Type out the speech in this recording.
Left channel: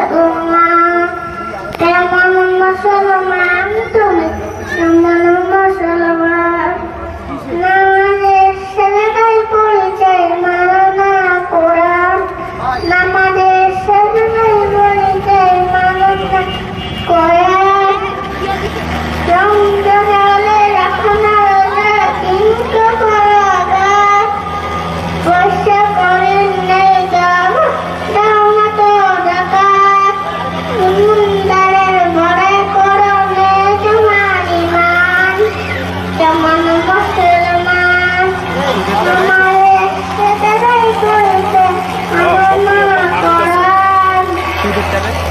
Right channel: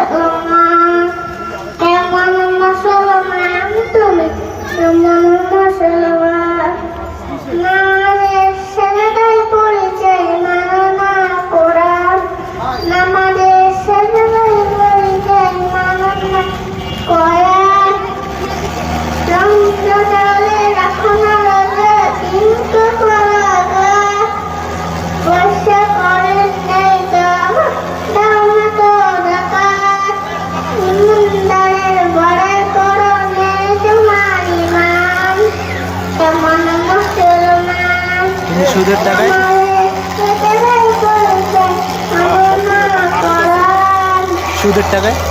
মুসলমান কেমন মুসলমান তুমি কেমন মুসলমান নামাজের সেজদায় পরিচয় মানো না কোরআন নামাজের সেজদায় পরিচয় মানো না কোরআন রমজানে রাখো না রোজা কিন্তু করো আঘাত পয়সা করেন নেই দাও দাও না তো যাকাত ইমানদারের বড়াই করো নেই তোমার ঈমান কেমন মুসলমান সুদের টাকায়